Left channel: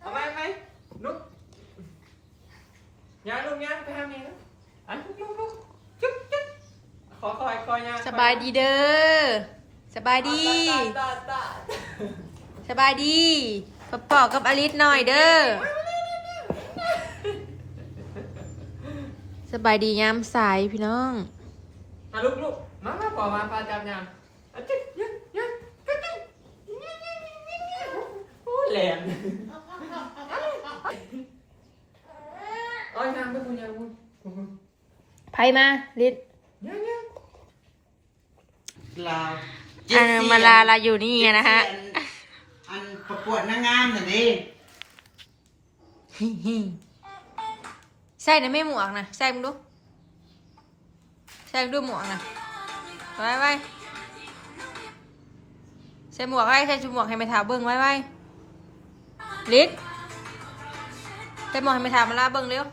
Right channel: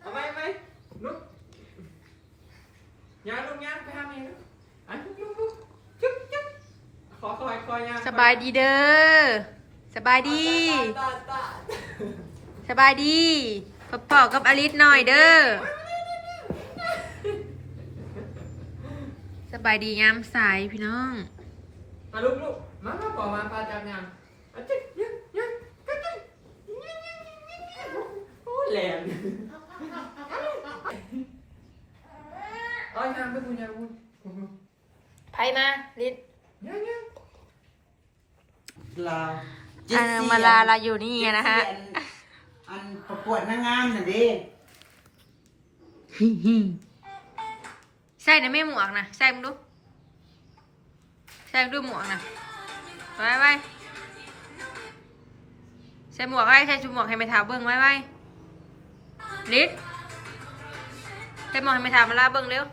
เอาไหมลุกย่างลุกย่างไปทำยังไงอันลุกจุ๊บขอคอยย่าง สบายดีเด้อสบายดีสบายดีปอกกับอลิสหน่อยเด้อสบายดียามสายพี่น้องลุกมาปอมาพาจับยางจิ๊บยังโอ้แหลมยางไปคุณยางคุณ ไพ่มาลิสยังลาว มาลาอยู่นี่นะฮะอันประกวดนางงามน่ะดิ ใส่นะไม่หมวกนะใส่มึงดูใส่ด้วยหมวกนะไว้ใส่หมวกอะไรใส่ชุดหมวกให้ไม่ถามเบิ้งไว้ลิศใส่หมวกให้ไม่ถามมาลาเบิ้งเร็ว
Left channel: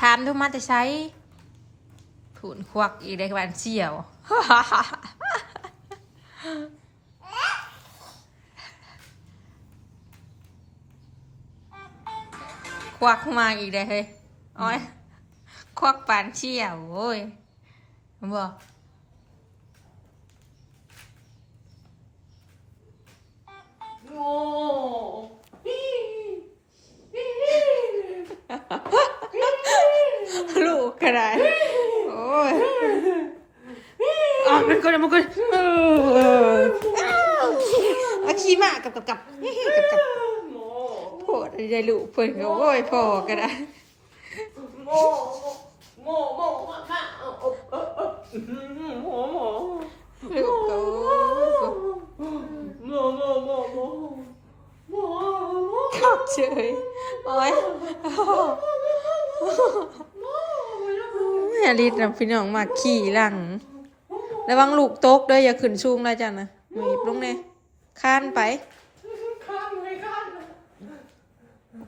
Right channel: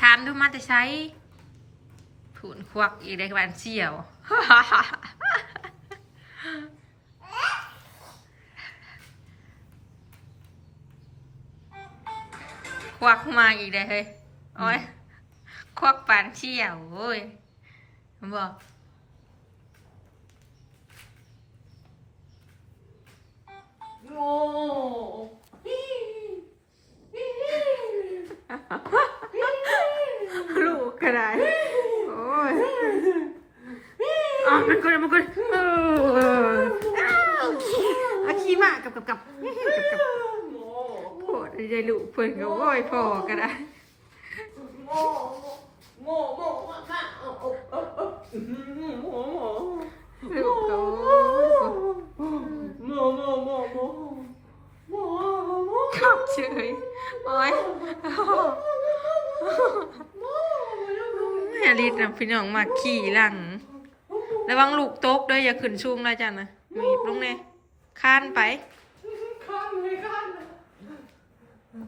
ถามทุกมาแต่ใช้ผูนควักอีกได้บ้านเชี่ยวควักมาอีกได้เฮ้ยโอ้ยควักปานเชี่ยวโอ้ยผมบอกโง่ลูกกระไรโอ้ยมันก็อาขี้มากกับโผล่ได้ลูกเพิ่นก็โอ้ยพ่อก็ได้โง่ลูกก็ขับเฉยโอ้ยอย่ารีดนะพี่น้องมาขี่หลังระวังลูกตกด้วยอย่าขึ้นสูงนะจ๊ะนะหนีบลงเนี่ยข้านไป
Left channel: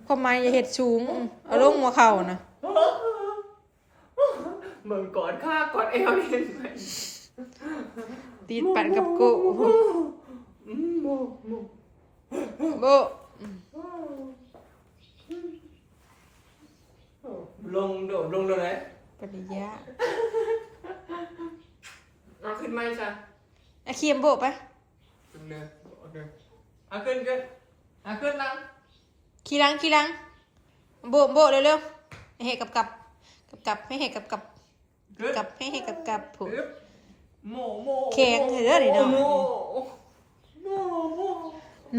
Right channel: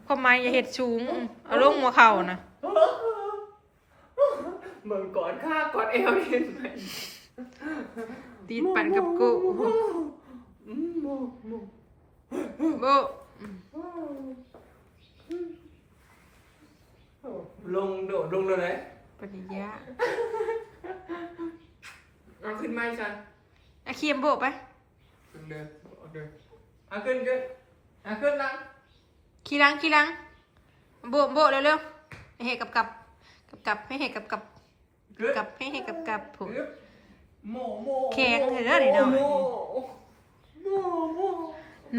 พอมาอย่าเห็ดสูงเอาลงหัวเข่านะเหมือนกอดข้ากอดเอวเห็นไหมตีดปั่นกับกูโบลงเลยไหมปฏิญาเอาขึ้นไหมจ๊ะอาเคียมโบไปขึ้นเลยเอาขึ้นลังขี่ลังโบเร็วๆให้เห็ดกับให้เห็ดกับให้เห็ดกับผู โมแข็งเด้อนี่เนาะ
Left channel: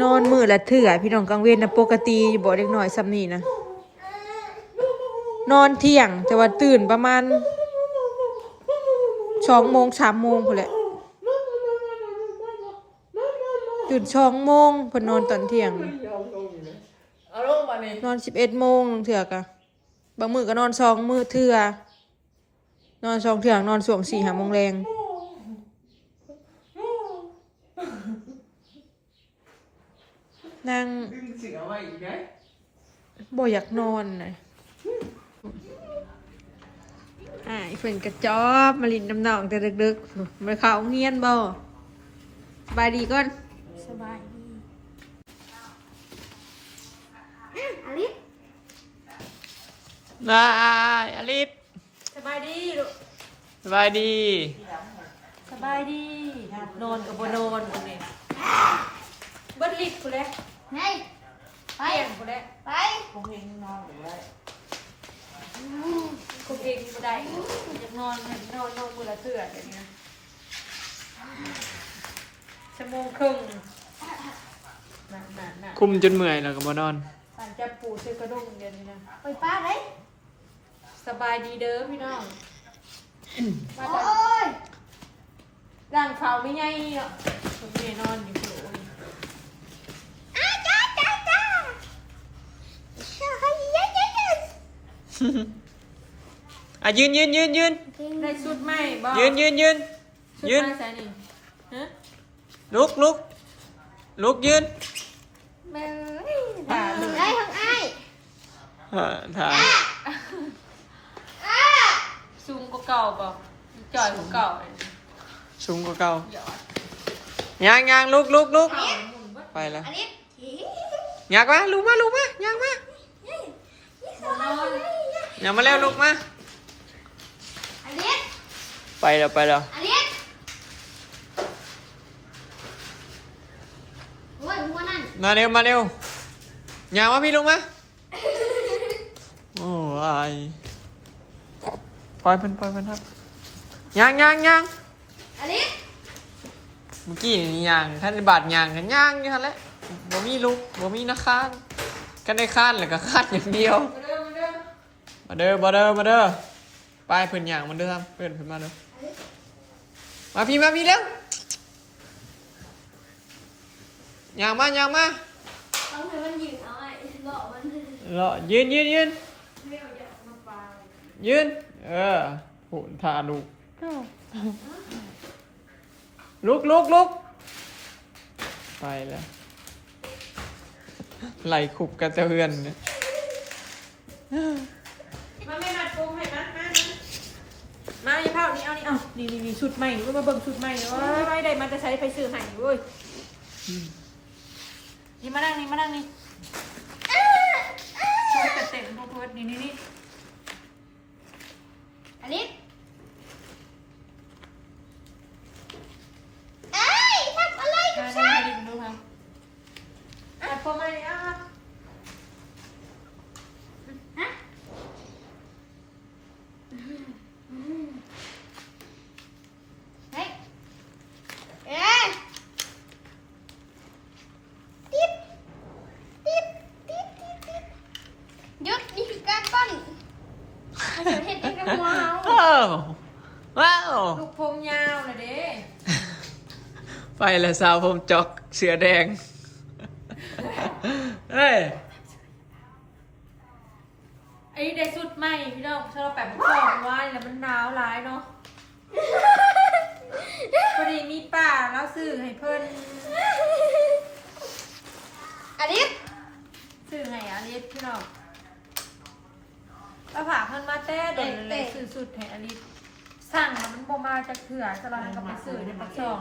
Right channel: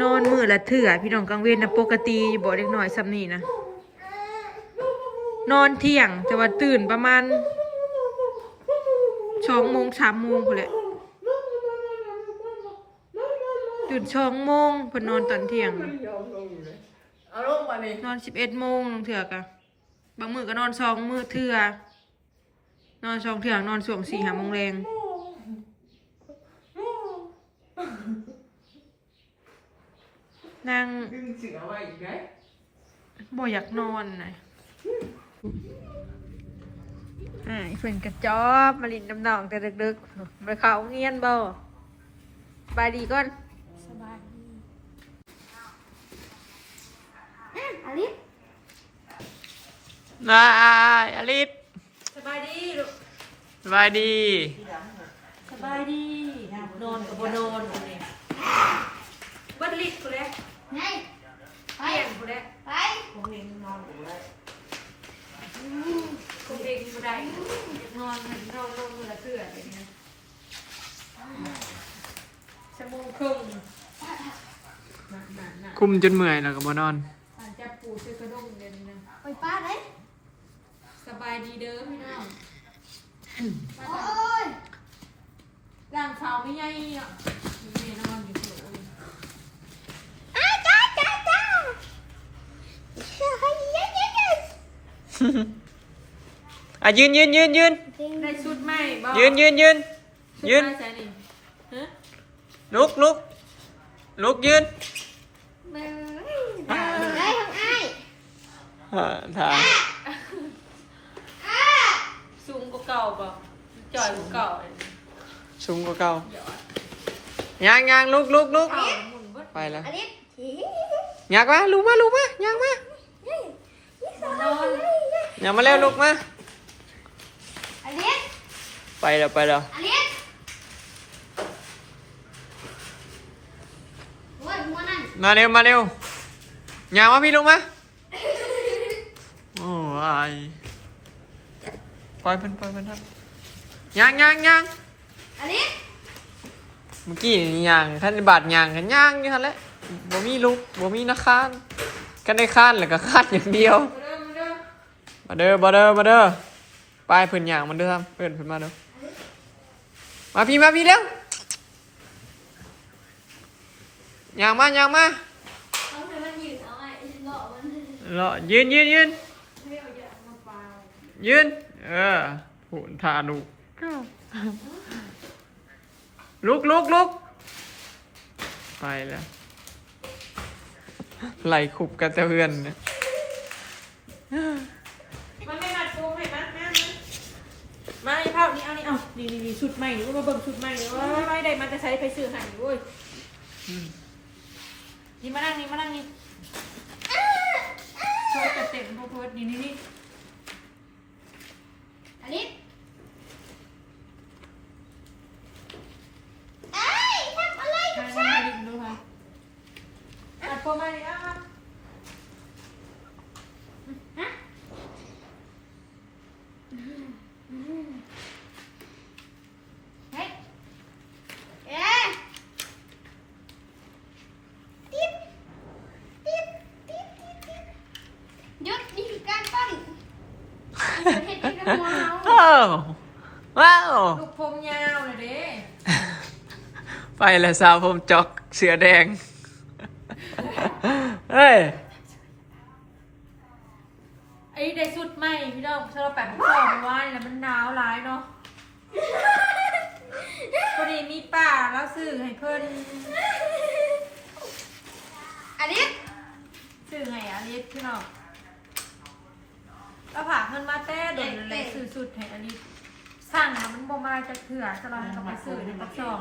นอนมือละเถื่อพี่น้องกลางเวรนะปกติบ่เด็กน้อยซ้ำนี่นะนอนเที่ยงแต่ว่าตื่นประมาณ2 โมง 3 โมงพุ่นแหละตื่น2 โมงเพิ่นนอนตอนเที่ยงเอาลงมานี่นอน11 โมงเถื่อกะบางมื้อก็นอน2 มื้อเถื่อนอน2 เถื่อนอนช่วง 4-5 โมงแรงนั่ง ดึงเสือไว้อีกไหมบ่อยากนอนนะเพิ่นกระจอบมาลินน้ำหนองแต่ดึกๆมาเข้าโรงเรียนบ่สบายดีก่อนสบายดีอลิสได้อลิสสบายดีลูกสบายดีสบายดีนอนกับบ่นอนนี่เบิดลิดพุ่นแหละ ไงไป เที่ยงพุ่นแหละ ไป ผมเองนอนบ่ได้ผมเองบ่ได้อยากนอนมื้อละเทื่อแบบนี้ชั่วโมงครึ่งนั่นคุมจนเมื่อยแล้วก็บ่นอนปั่นจับปูซื้อกระด้งเดี๋ยวนี้นะ ไปป้าเลย สบายดีเด้อพี่น้องมา โอ้ ตอน ย ร่างเขาไม่ใหญ่อ่ะผมเมียนอนอยู่โผล่ จ้าใครเย้ยืนได้ชุดไหมบอก ยืนชุดไหมใส่นี่ฮะ ลุกยืน ไปได้ทั้งไอ้ ถ่าย สูงกว่าเก่าบอกจ่อยกว่าเก่าเลย สูงกว่าเก่า ยังลุก เข่าหมุนเบิด ไปแล้ว อลิส อยากมาลุกมายังมา นอน อย่ามาแล้วลุกมา อลิส ไปแล้ว อลิสโอ้ยหัวนั่น มาเร็วอย่ามาพี่ลุกมาโอ้ยปล่อยเพิ่นครับยัง อลิส เมื่อกี้นี่ย่างท่านบาดย่างกันย่างอยู่ท่านแหละบ่มีลุกบ่มีนะค้านกันได้ค้านแล้วก็ค้านอย่างเดียว มาเด้อไปเพิ่นย่างมันเด้อครับเพิ่นมาเด้อมาพี่เร็วย่างมา ต้องให้มันยืนเอาไอ้เลาะมัน รอยืนโหนทาลูกลุกไปแล้วไหลขุบกันเตือนเนี่ย มันไม่มัดกุ้งให้มาไอ้ภาพนี้เอานี่เอานี่ชุดใหม่นี่มาเบิ่งชุดใหม่นี่ไม่ได้มันจะใช้ไปซื้อให้เว้ยนี่มานั่งนี่ช่วยเต็มพวกนี่ อลิสเอ้ยทำอะไรกับ มา ฉัน ดิดูค่ะตัดผมมาดิอ่ะ ฮะเฮ้ยเอ๊ะติ๊บหยุดนี่คือการปั้นเห็ดนี่กับหัวเฮา ว้าว ลูกผมยาวนะเด้ ไปแล้วสาวผมจอกเสือแดงเฮ้ย ไอ้ได้สุดใหม่พี่น้องถ้าเราแปะพวกของไว้แล้วมันหนาวร้ายเนาะพอดีมีป่าแล้วซื้อให้เพิ่น อลิส ซื้อให้อลิสพี่น้องแล้วผ่าเพิ่นมาแต่โดนเลยซื้อสุดให้อลิสสั่งแล้วมันบ่มาจากเถื่อสลังกับไปซื้อในปักช่อง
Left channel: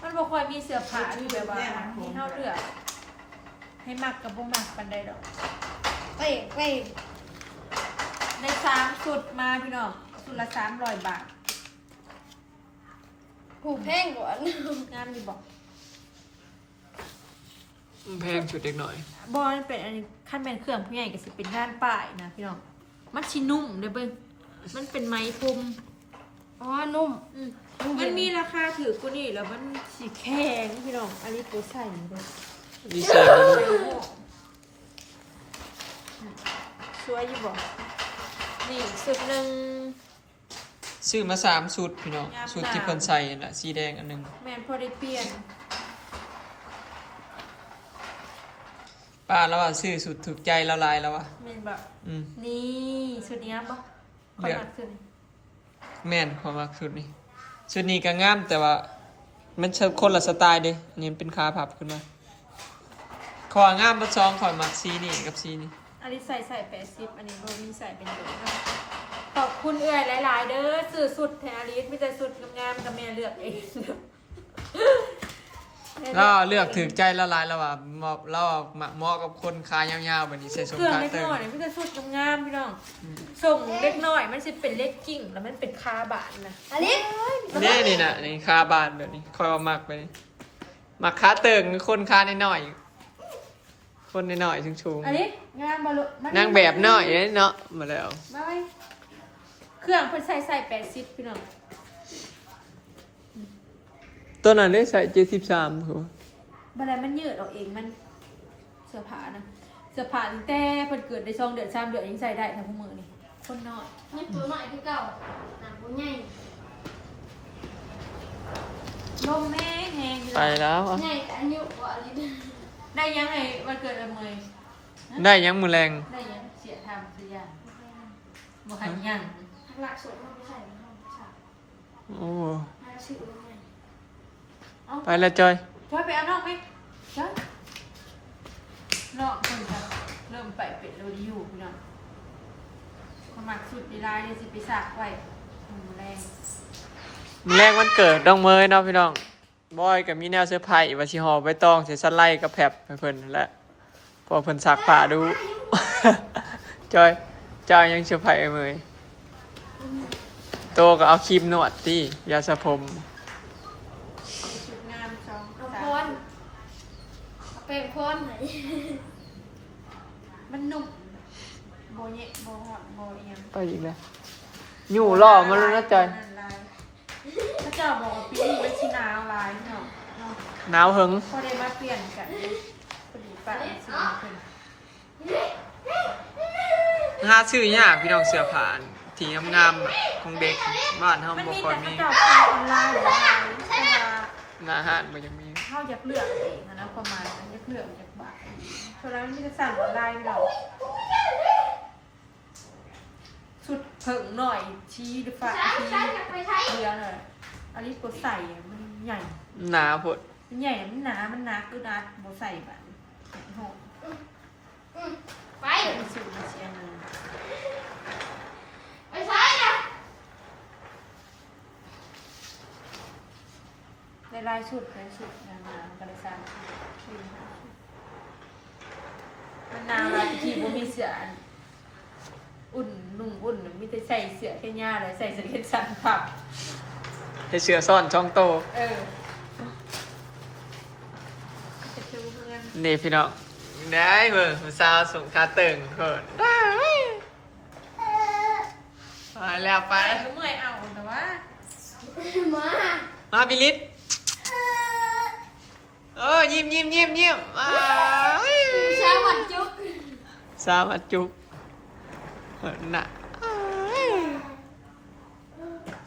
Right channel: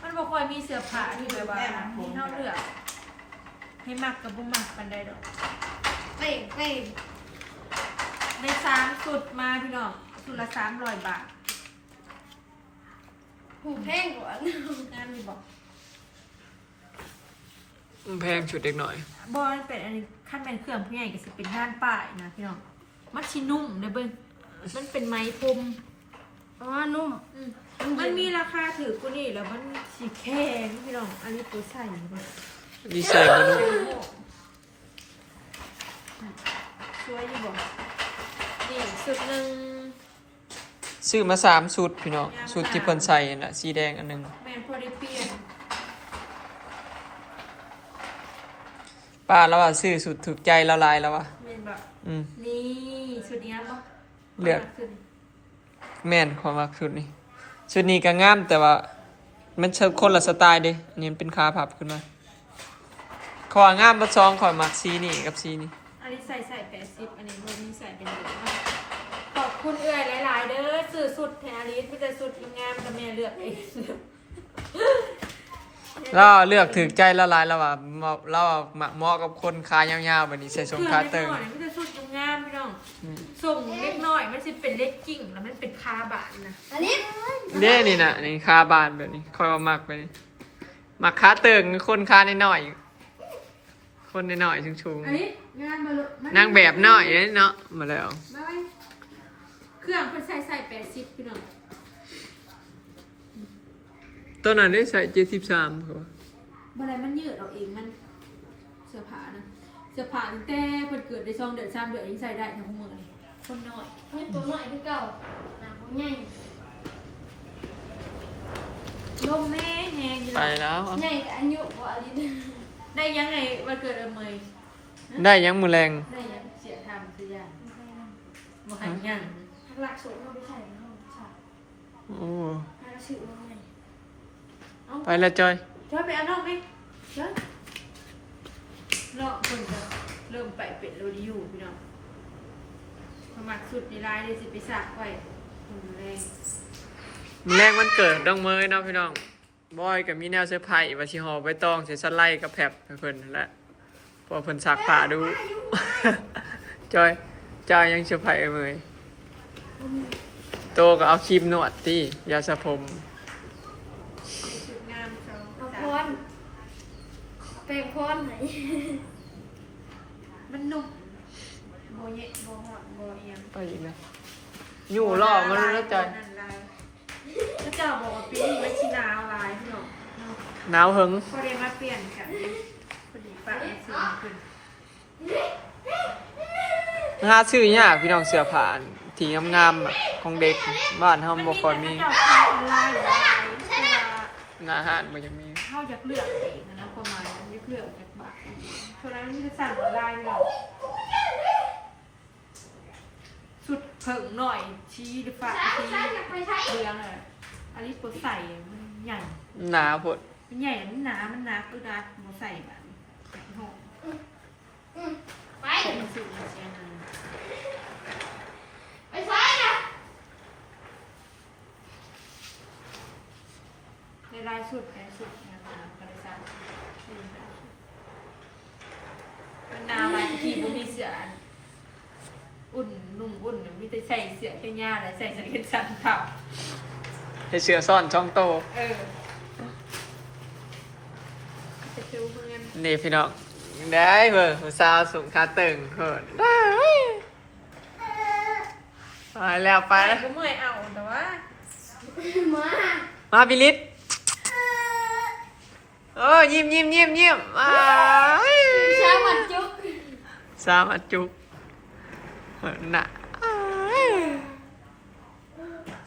มันบ่ค่อยมีเสื้อผ้าที่แบบว่ามีเท่าเลือกให้มักกับบ่มักปานใดดอก เอ้ย ใน3สุดมาพี่น้องสุดละ300 บาท ผูกแพงกว่าง านมีบอก แพงชุดเด็กหน่อย บอลเป็นอันนี้ขั้นแมนเครื่องผู้ใหญ่ก็สิเป็นงานป้ายนะพี่น้องมันชินุ่มเด้อเบิ้งมันเป็นไม้พรม อ๋อนุ่ม มันมีราคาถือกว่านี่แล้วมันสีแข็งพี่น้องอันนี้ตัวใส่เลย ดีใส่มาดู สวยอยู่บอกนี่สุดหนึ่ง ซื้อมา3ชุดพี่น้องชุดที่เพิ่นใส่น่ะสีแดงอันหนึง แมนพอได้เปลี่ยน ป้าแล้วว่าซื้อสุดถูกใจละลายแล้วว่ะ แมนแบบ อืม นี่สุดนี้ปะ เลือก สุดนี้ แม่นความรักชุดนี้ชุดนี้ก็งามแต่ว่ามันเชิงคนละสไตล์เด้นี่มันเป็นขาพับขึ้นมาขวางามประชองขอยมักสีนี่กับสีนี่ อันนี้ใส่80อันนี้โบมีใส่เป็นเดือนเนาะขอบคุณเอื้อยหลายๆเด้อซื้อสุดแทนอลิสไม่แต่สุดงามๆกับแม่เลือกเอง เราเลือกถึงใจละลายแล้วว่าเราเหมาะกับคนขายาวๆแบบนี้ใส่ทรง เครื่อง ขา เล็ก เติง น้อยไม่แต่สุดงามพี่น้องส่งเล็กน้อยมันจะเป็นเล็กกิ่งแล้วมันเป็นคาบานนะ อลิส นี่นะนี่คาบานแบบนี้คอยเอามักไปนี่มักขาเติงคนขาน้อยๆคนน้อยๆชูง อันนี้งานมาลุ ๆนางแบบน้อยเนาะมาแล้ว มาไว้เครื่องเพิ่นใส่80พี่น้อง ตัวนั้นได้ใส่73คือ บันไดมันยืดออกเองมันเสื้อผ้านะเสื้อผ้าตั้งแต่เพิ่นเกิดได้2 เดือน3 เดือนยังใส่ได้ทั้งพวกมือนี่คนน้อย นี่ตัวหน่อยคือเก่าหนังผู้ใหญ่ ลมแห้งแห้งอยู่ ไปแล้ว ใหญ่อายุกว่าอลิส ได้ยังไงวันเกิดเมย ได้ยังมือแรง ได้ยังเสียทำเสียยังมาหันยัง ทักหลักสูตรมาไปใส่ห้องฉาก โอ้ ให้เราสื่อว่าไง ไปแล้วจอย ช่วยไปเอานอกไหมช่วยนอกคุณเริ่มไปเป็ดโรดิยูพี่น้องขมักสุดในลายเลยสิไปสักไว้ทำแรง มือแรงวันเกิดน้องเมยเนาะพี่น้อง บอยกับมีแนวเสื้อผ้าว่าสิห่อใบตองใส่สไลด์กับแผบให้เพิ่นนั่นแหละพอเพิ่นซักผ้าดู จอยยังเสื้อผ้าเมื่อยโตก็เอาครีมนวดติยาสระผม ชุดงามสอง เอาพรเป็นพรไหน มันนุ่มโบเยะโบหอดโบเอียง ไปอีกแล้วอยู่ล่อมาลุ้นนะจอย พระเจ้าบอกว่าปีนี้ชินาวลายพี่น้อง หนาวหึง พอได้มาเปลี่ยนกันพอดีไปซื้อมาขึ้น หาซื้อยากพี่น้องเสื้อผ้าที่งามๆอะของเด็กบ้านเฮาบ่ค่อยมี เจ้าขายออนไลน์หรืออะไรเพราะว่า หน้าห้านบ่จะมี เขาอยากเลือกเองนะประมาณนั้นอยากเลือกจากบ้านเพราะฉะนั้นมันจะสั่งออนไลน์เราสุดเผิงหน่อยชี้หรือฝาชี้เรือเลยอันนี้กดใส่มันใหญ่ หนาพด มันใหญ่มันหนามันหนักก็นัดโบใส่แบบหอม ไป เป็นสูตรมาเชียร์มัน ไปซ้ายนะ ในลายชุดนานๆก็ได้สั่งมันนาวลายที่บ่มีเสื้ออุ่นนุ่งอุ่นมีแต่ใส่เสื้อแค่ย่าเลยใส่เสื้อแค่สั้นผับ ให้เสื้อซ่อนช่องโต จะคิวเพื่อน นี่พี่น้องได้เบิ่งผู้สาวสูงขาตึงเหินได้ไปแล้วไปแล้ว ผมเมื่อยเอาแต่ว่า มา มาบิลิตโอ้ยิ้มอ้าย เช้าวันจุก สามอัดจุกเหินน่ะอ้าย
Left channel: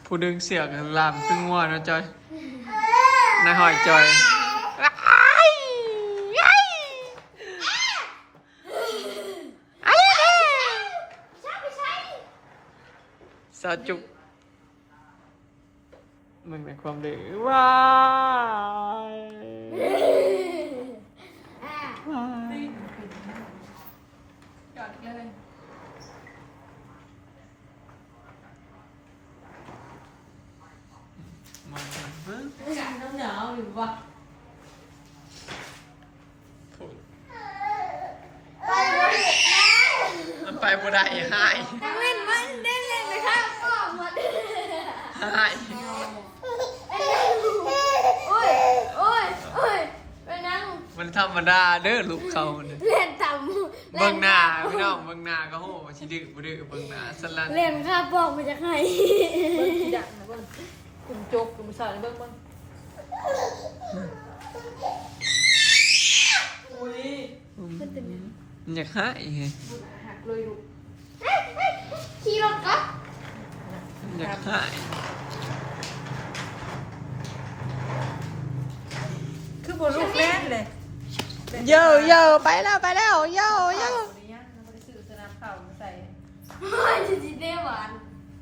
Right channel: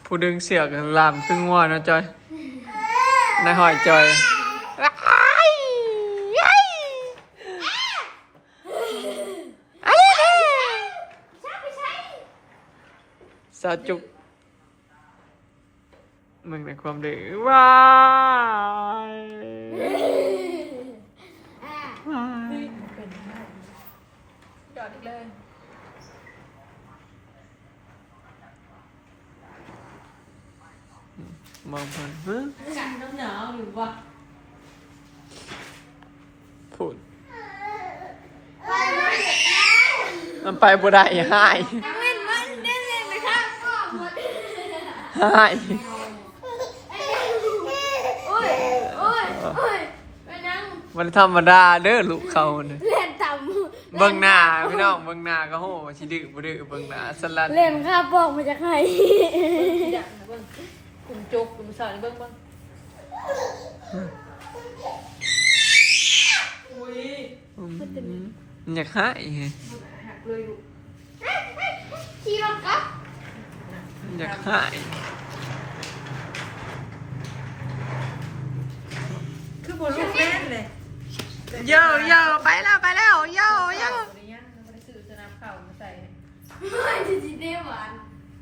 ผู้ดึงเสือกลามครึ่งวัวนะจอยนายหอยจอยอ้ายอ้ายอ้าย ใช่ไปใช่ สาวจุกมึงในความดื้อว้าย ว้าย จอดเลย มองมันฮะ น้ำหนาวหรือวะ พูด ไปวันเด็กนะ มันไปบ่ได้หาย นั่งเล่นมันเล่นเลยครับก็หมด หาย โอ้ยไปนั่ง มันธรรมดาเด้อลูกเขาเนี่ย เล่นต่ เบิ่งหน้าพี่น้องเบิ่งหน้าก็โหสิดื้อบ่ดื้อเบิ่งหน้าสลัด เล่นข้าบอกมาจากไหน เบิ้งสีดังนะเบิ้งกลุ่มโจกกลุ่มสาวนี่เบิ้งอุ้ย มันอยากหายไง หักเลยลูก ขี่รถก็ มันอยากหาย คือบนลูกแม่นเลย โย่ไปแล้วโย่ เราไม่ได้ซื้อสนับเข่ามาใส่ ไม่จะจีเด้หวาน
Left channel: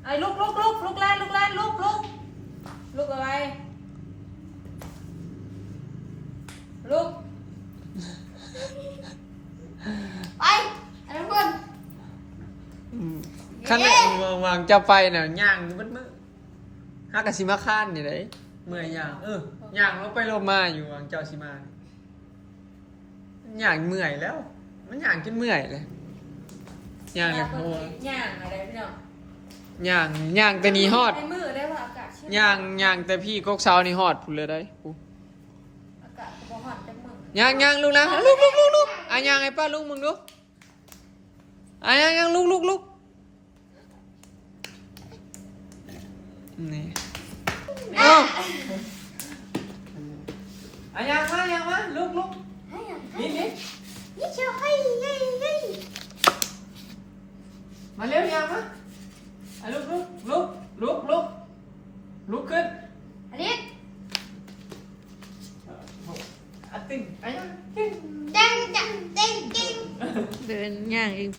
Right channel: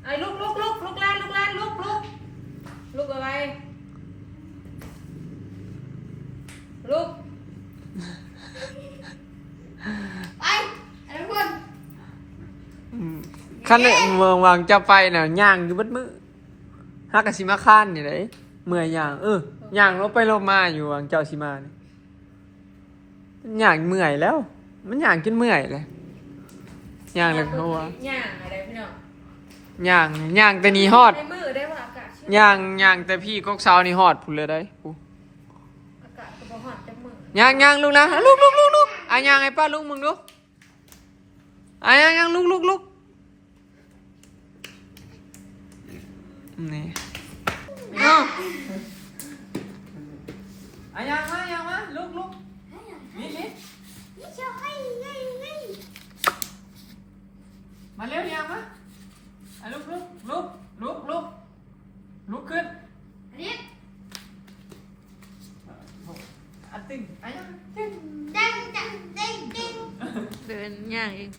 ไอ้ลูกแล่นลูกอะไรลูก ไปทุกคน คันเนี่ยเมืองวางจะไปน่ะย่างอยู่เบิดมื้อฮักกะสิมาค้านนี่เด้เมื่อยย่างย่างลงไปลงมาอยู่วางเจ้าสิมาย่างเมื่อยแล้ว มันย่างจนเมื่อยเลยย่างเลยเขาว่า ย่างอะไรพี่น้อง ย่างแต่นี่ฮอด ในมือได้ว่าอากาศ ย่างแต่พี่กกเช้านี่ฮอดพุ่นเลยได้กู อากาศจะบ่ฮอดจังมือ ย่างลูกนะลูกอ่ะย่างให้ป้าลุงมึงดูอ่ะย่างลูกนี่เอ้าอ่ะย่างมาลูกนี่ นี่เชียวให้ มาเร็วย่างมาอ่ะลูกขึ้น อันนี้ อ่ะตึงอ่ะย่าง จัง เดินย่างเอง